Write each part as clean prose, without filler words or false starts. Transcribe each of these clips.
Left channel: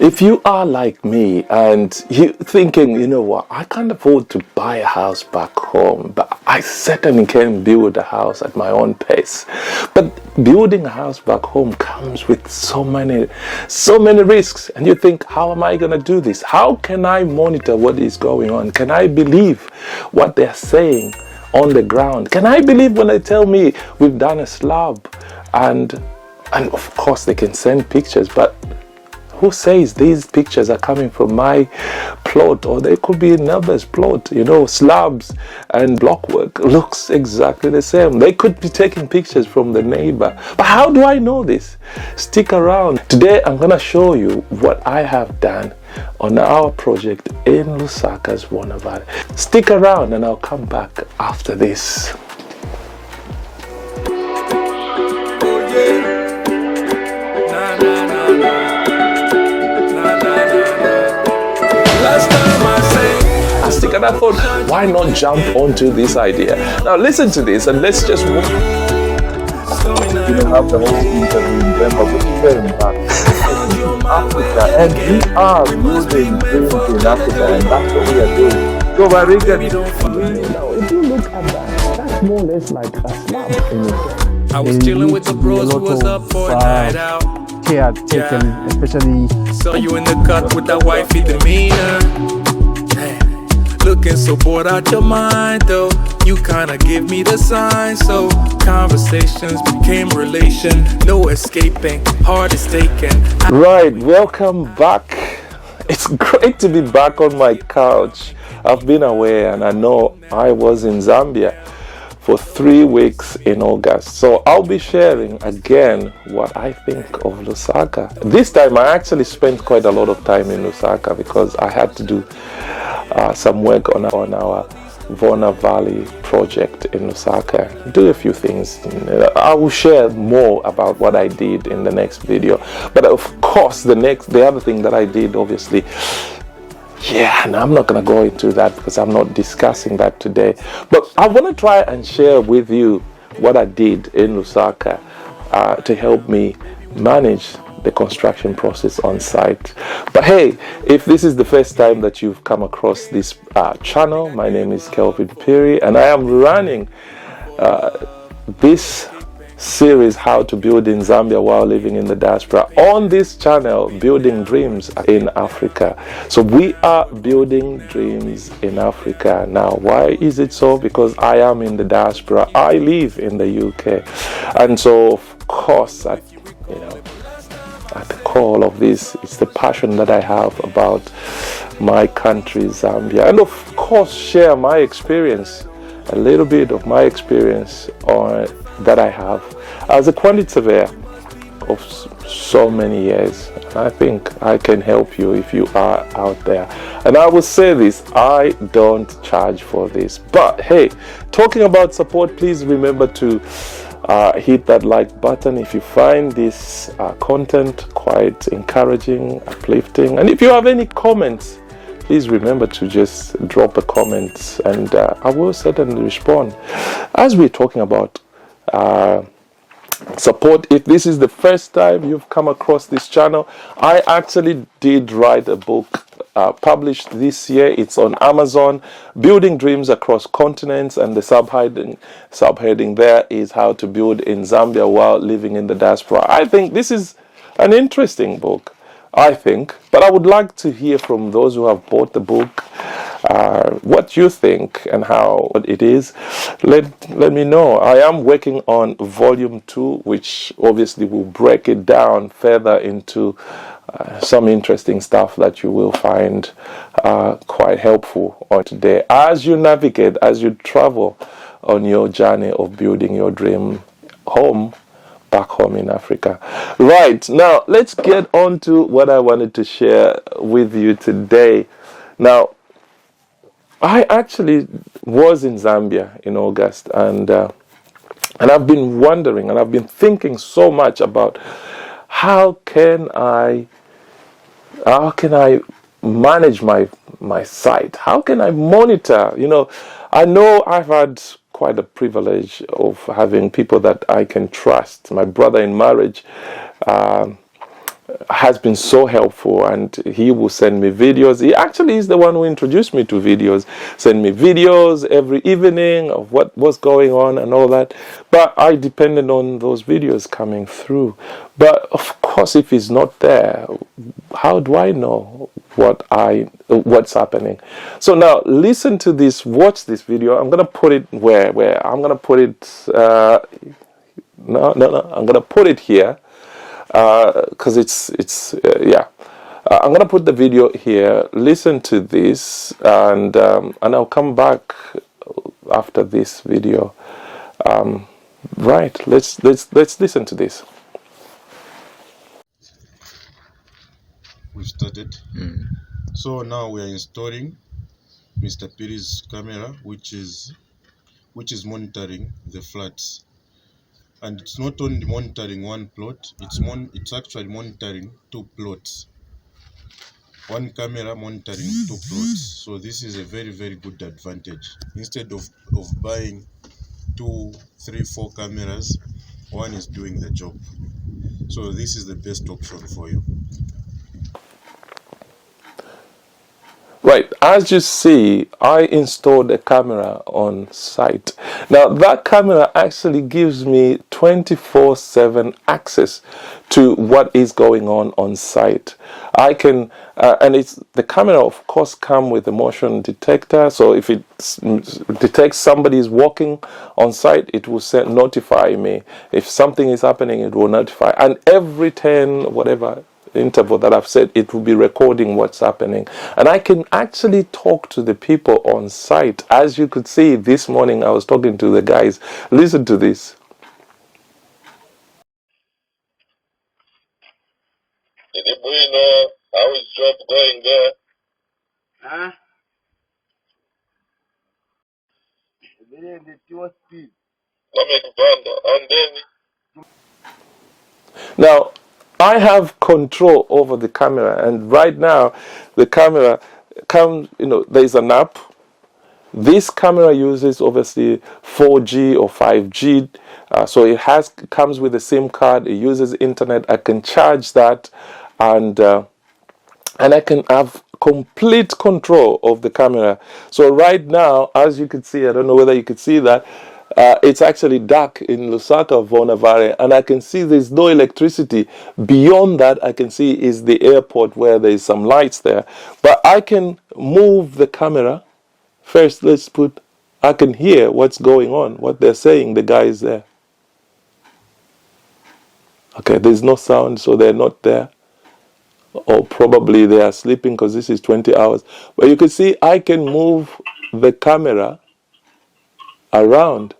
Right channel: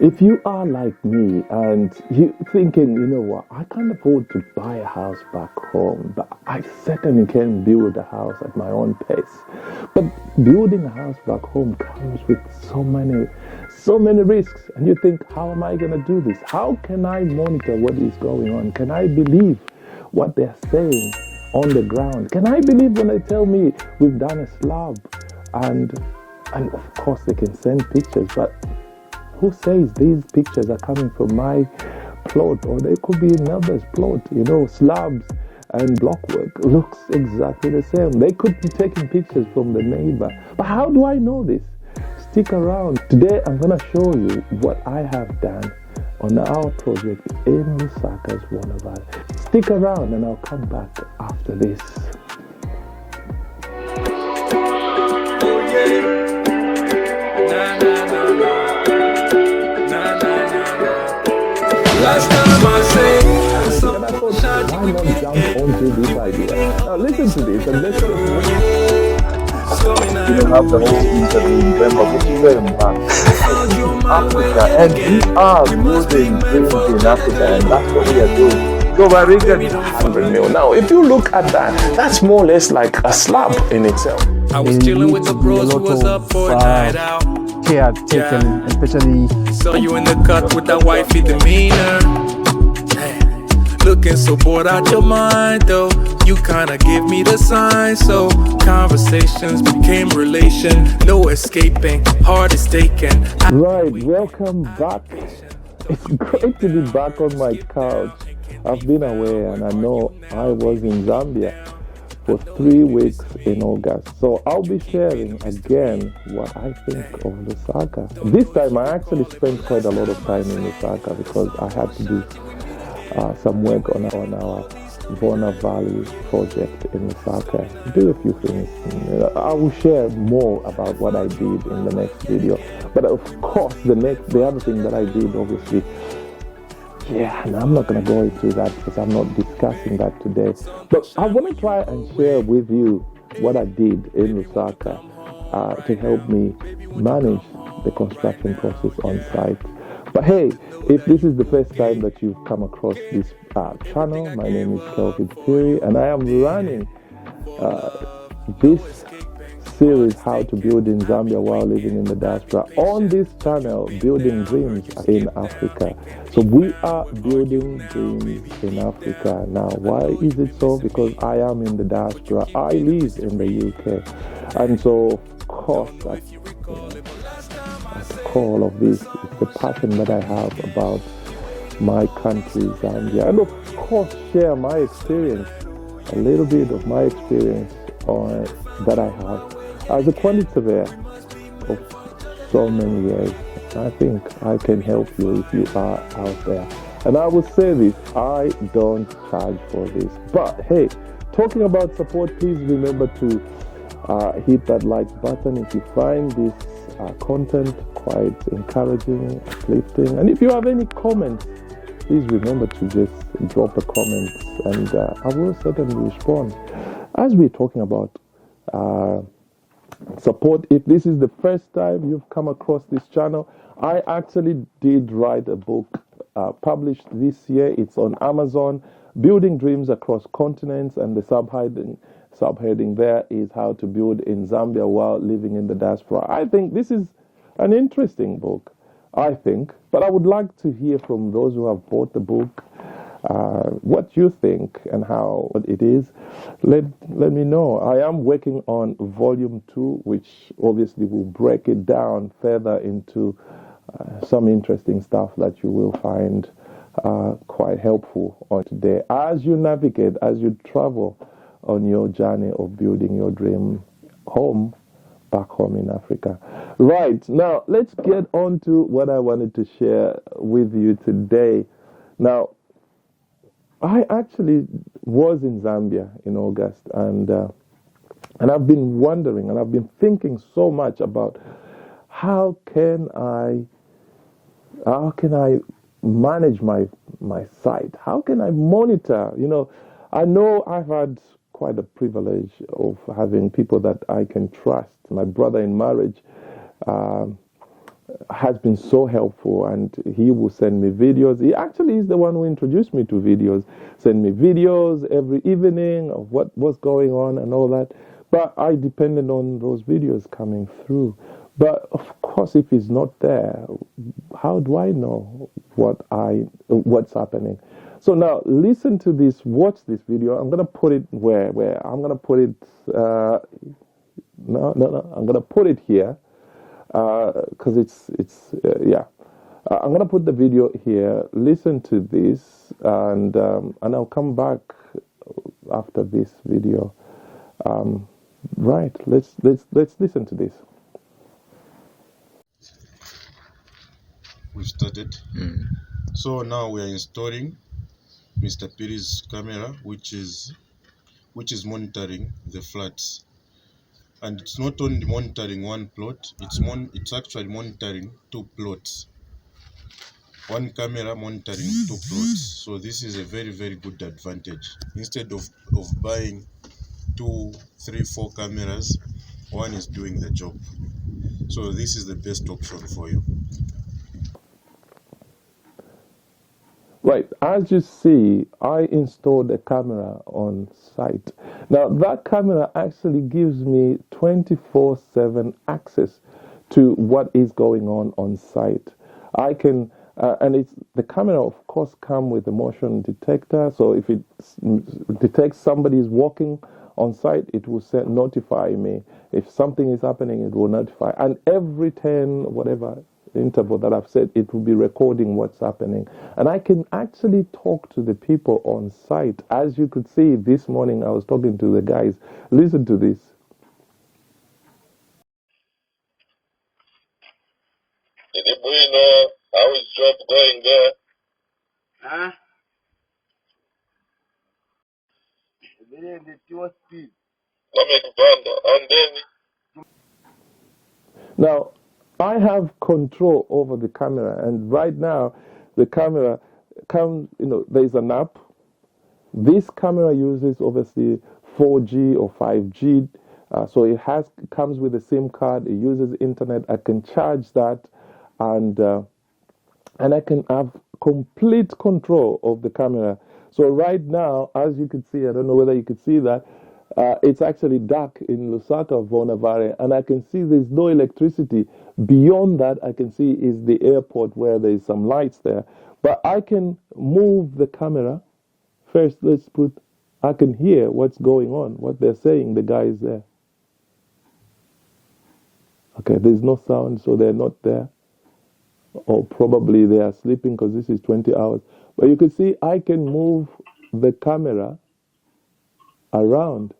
If you are like me and you thinking, you know what, I can't afford to buy a house back home, but I certainly can build a house at my own pace. But building a house back home comes with so many risks. And you think, how am I going to do this? How can I monitor what is going on? Can I believe what they're saying on the ground? Can I believe when they tell me we've done a slab? And of course they can send pictures, but who says these pictures are coming from my plot, or they could be another's plot? You know, slabs and blockwork looks exactly the same. They could be taking pictures from the neighbor. But how do I know this? Stick around. Today I'm going to show you what I have done on our project in Lusaka's Wana Valley. Stick around and I'll come back after this. Last time I sang, And I thought, why not jump onto this idea? Now listen to this and let's just You don't have the whole interview in November, but it's very in Africa, and we are building dreams in Africa, and that's what we are doing. So, Barriga, now, if you look at that, that's more or less like a slab in itself. I was chilling with the bros who was up for a night out. Care taken, especially Saw you in the cut with that wifey demeanor. Hey, looking so bored out your mind though. You kinda give me the sign, so conversations became relation. No escaping, heart is taken. Right, welcome back. It's great to be back on my couch. I've been away and I know I was in Zambia for 3 weeks in August. So I'll be sharing again what I think of Lusaka. This time I actually spent quite a lot of time in Lusaka because I had to do some work on our Wana Valley project in Lusaka. Do a few things. I will share more about what I did in the next video. But of course, the other thing that I did, obviously, yeah, and I'm not going to go into that because I'm not discussing that today. But I want to try and share with you what I did in Lusaka to help me manage the construction process on site. But hey, if this is the first time that you've come across this channel, my name is Kelvin Piri, and I am running this series, How to Build in Zambia While Living in the Diaspora, on this channel, Building Dreams in Africa. So we are building dreams in Africa. Now, why is it so? Because I am in the diaspora. I live in the UK. And so, of course, at the core of this is the passion that I have about my country, Zambia. And of course, share my experience, a little bit of my experience that I have as a quantity surveyor of so many years. I think I can help you if you are out there. And I will say this, I don't charge for this. But hey, talking about support, please remember to hit that like button if you find this content quite encouraging, uplifting. And if you have any comments, please remember to just drop a comment and I will certainly respond. As we're talking about support, if this is the first time you've come across this channel, I actually did write a book published this year. It's on Amazon, Building Dreams Across Continents, and the subheading there is How to Build in Zambia While Living in the Diaspora. I think this is an interesting book, I think, but I would like to hear from those who have bought the book what you think and how it is. Let me know. I am working on volume 2, which obviously will break it down further into some interesting stuff that you will find quite helpful on today as you navigate, as you travel on your journey of building your dream home back home in Africa. Right, now let's get on to what I wanted to share with you today. Now, I actually was in Zambia in August, and I've been wondering, and I've been thinking so much about how can I manage my site? How can I monitor? You know I've had quite a privilege of having people that I can trust. My brother in marriage has been so helpful, and he will send me videos. He actually is the one who introduced me to videos. Send me videos every evening of what was going on and all that. But I depended on those videos coming through. But of course, if he's not there, how do I know what's happening? So now listen to this, watch this video. I'm gonna put it where I'm gonna put it. I'm gonna put it here. Because I'm gonna put the video here. Listen to this, and I'll come back after this video. Right, let's listen to this. We've started. So now we are installing Mr. Piri's camera, which is monitoring the floods. And it's not only monitoring one plot, it's actually monitoring 2 plots. One camera monitoring 2 plots. So this is a very, very good advantage. Instead of buying 2, 3, 4 cameras, one is doing the job. So this is the best option for you. Right, as you see, I installed a camera on site. Now that camera actually gives me 24/7 access to what is going on site. I can, and the camera of course come with a motion detector, so if it detects somebody is walking on site, it will notify me. If something is happening, it will notify. And every 10, whatever, interval that I've said, it will be recording what's happening. And I can actually talk to the people on site. As you could see this morning, I was talking to the guys. Listen to this. How is job going there? Huh? And then Now, I have control over the camera, and right now the camera comes, there's an app. This camera uses obviously 4G or 5G, so it comes with a SIM card. It uses internet. I can charge that, and I can have complete control of the camera. So right now, as you can see, I don't know whether you could see that, it's actually dark in Lusaka, Valley, and I can see there's no electricity. Beyond that, I can see is the airport where there's some lights there. But I can move the camera. First, I can hear what's going on, what they're saying, the guys there. Okay, there's no sound, so they're not there. Or probably they are sleeping because this is 20 hours. But you can see I can move the camera around.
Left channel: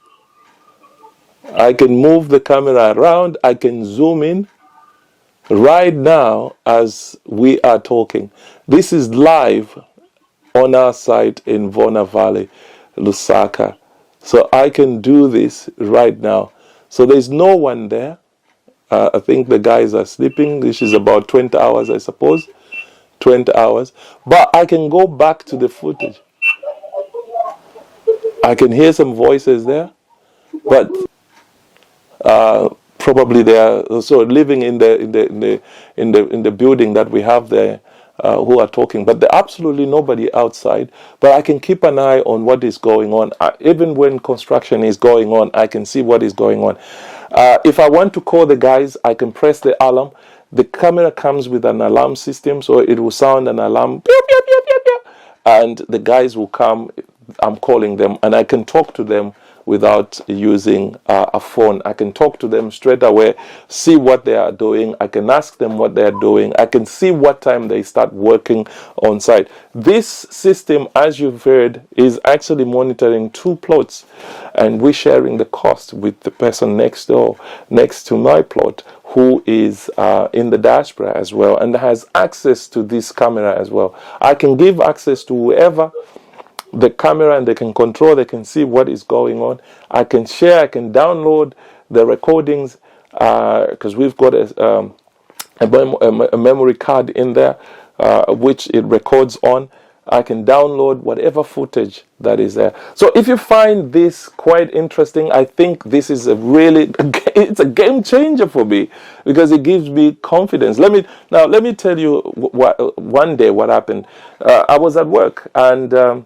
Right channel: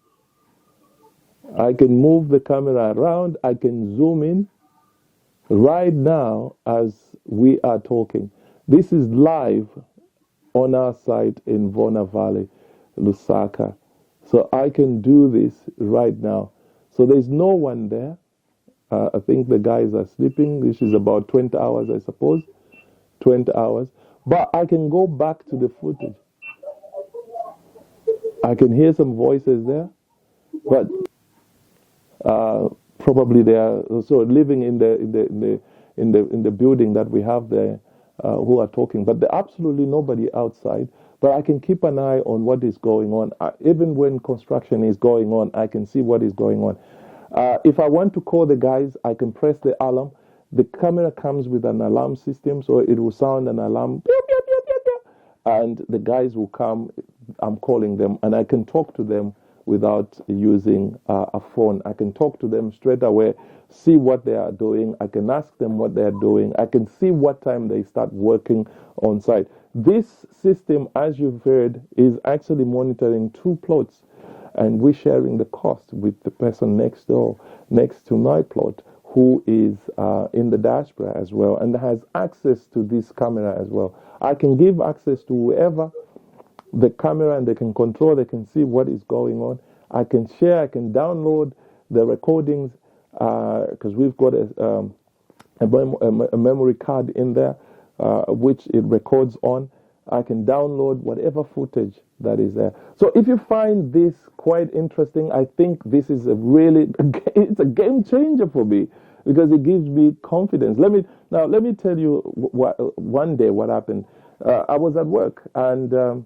I can move the camera around. I can zoom in right now as we are talking. This is live on our site in Vona Valley, Lusaka. So I can do this right now. So there's no one there. I think the guys are sleeping. This is about 20 hours, I suppose. 20 hours. But I can go back to the footage. I can hear some voices there. But probably they are also living in the building that we have there, who are talking. But there's absolutely nobody outside. But I can keep an eye on what is going on. Even when construction is going on, I can see what is going on. If I want to call the guys, I can press the alarm. The camera comes with an alarm system, so it will sound an alarm, pew, pew, pew, pew, pew, and the guys will come. I'm calling them, and I can talk to them without using a phone. I can talk to them straight away, see what they are doing. I can ask them what they are doing. I can see what time they start working on site. This system, as you've heard, is actually monitoring 2 plots, and we're sharing the cost with the person next door, next to my plot, who is in the diaspora as well, and has access to this camera as well. I can give access to whoever the camera, and they can control, they can see what is going on. I can share, I can download the recordings, because we've got a memory card in there, which it records on. I can download whatever footage that is there. So if you find this quite interesting, I think this is it's a game changer for me, because it gives me confidence. Let me tell you one day what happened. I was at work, and as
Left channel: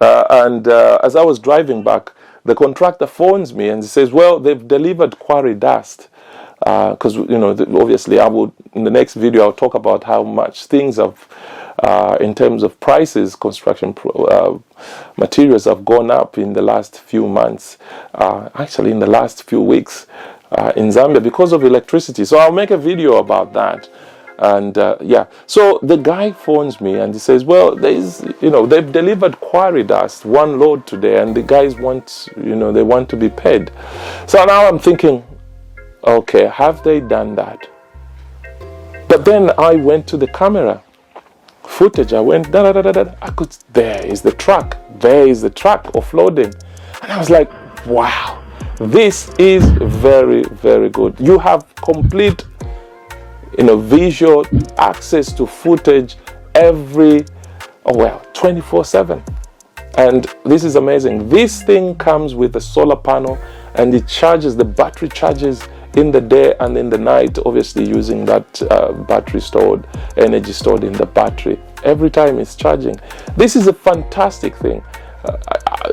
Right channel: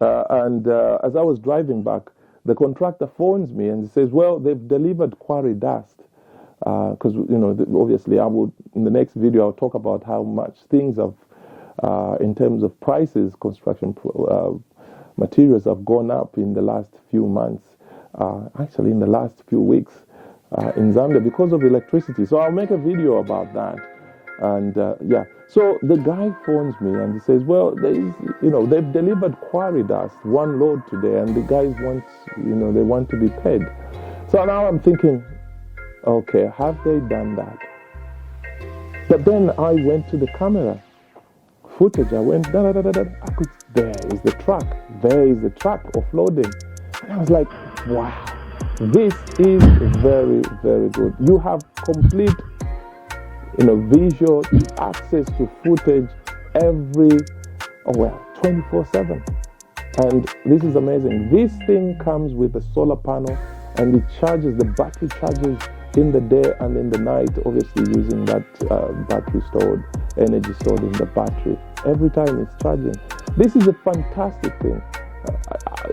I was driving back, the contractor phones me and says, well, they've delivered quarry dust. Because, obviously in the next video, I'll talk about how much things have, in terms of prices, construction materials have gone up in the last few months, actually in the last few weeks in Zambia because of electricity. So I'll make a video about that. And so the guy phones me and he says, well, they've delivered quarry dust, 1 load today, and the guys want, they want to be paid. So now I'm thinking, okay, have they done that? But then I went to the camera footage. I went, there is the truck offloading. And I was like, wow, this is very, very good. You have complete visual access to footage 24/7. And this is amazing. This thing comes with a solar panel, and it charges, the battery charges in the day and in the night, obviously using that energy stored in the battery. Every time it's charging. This is a fantastic thing.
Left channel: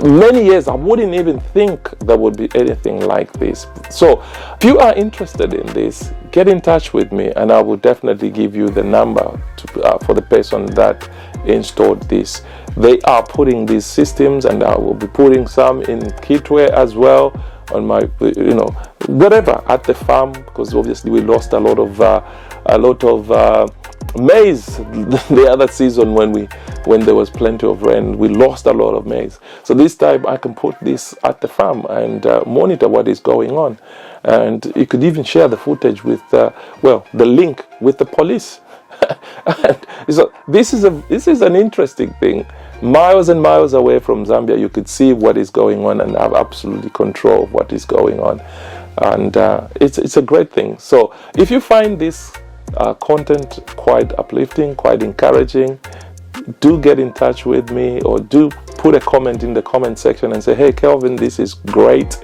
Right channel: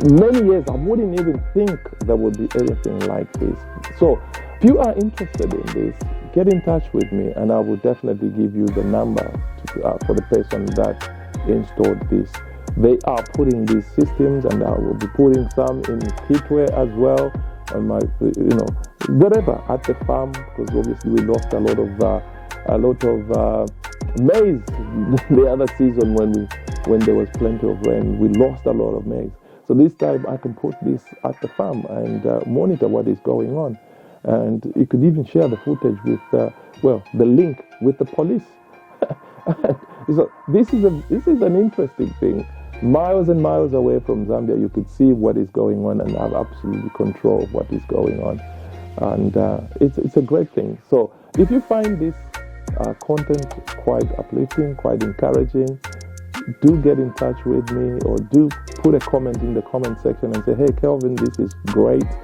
Many years I wouldn't even think there would be anything like this. So if you are interested in this, get in touch with me, and I will definitely give you the number for the person that installed this. They are putting these systems, and I will be putting some in Kitwe as well, on my whatever at the farm, because obviously we lost a lot of maize the other season when there was plenty of rain. We lost a lot of maize. So this time I can put this at the farm and monitor what is going on. And you could even share the footage with the link with the police. And so this is an interesting thing. Miles and miles away from Zambia, you could see what is going on and have absolutely control of what is going on. And it's a great thing. So if you find this content quite uplifting, quite encouraging, do get in touch with me, or do put a comment in the comment section and say, hey, Kelvin, this is great.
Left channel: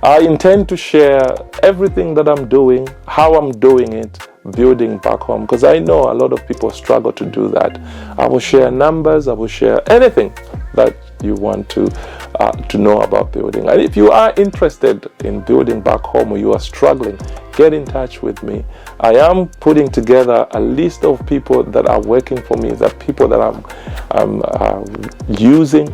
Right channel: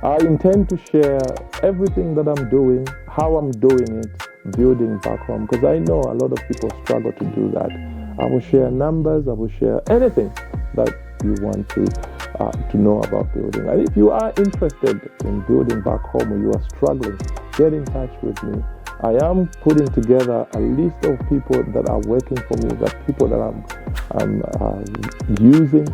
I intend to share everything that I'm doing, how I'm doing it, building back home, because I know a lot of people struggle to do that. I will share numbers, I will share anything that you want to know about building. And if you are interested in building back home, or you are struggling, get in touch with me. I am putting together a list of people that are working for me, that people that I'm using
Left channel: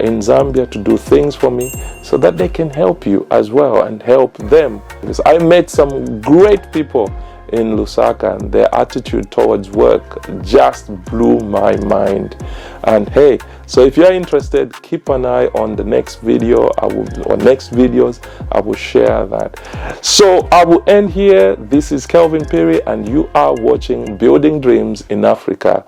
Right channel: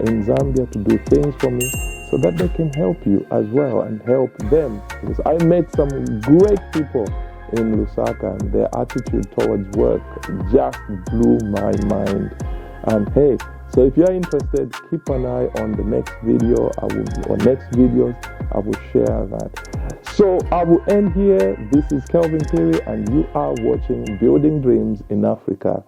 in Zambia to do things for me, so that they can help you as well and help them. Because I met some great people in Lusaka, and their attitude towards work just blew my mind. And hey, so if you're interested, keep an eye on the next video, or next videos, I will share that. So I will end here. This is Kelvin Perry, and you are watching Building Dreams in Africa.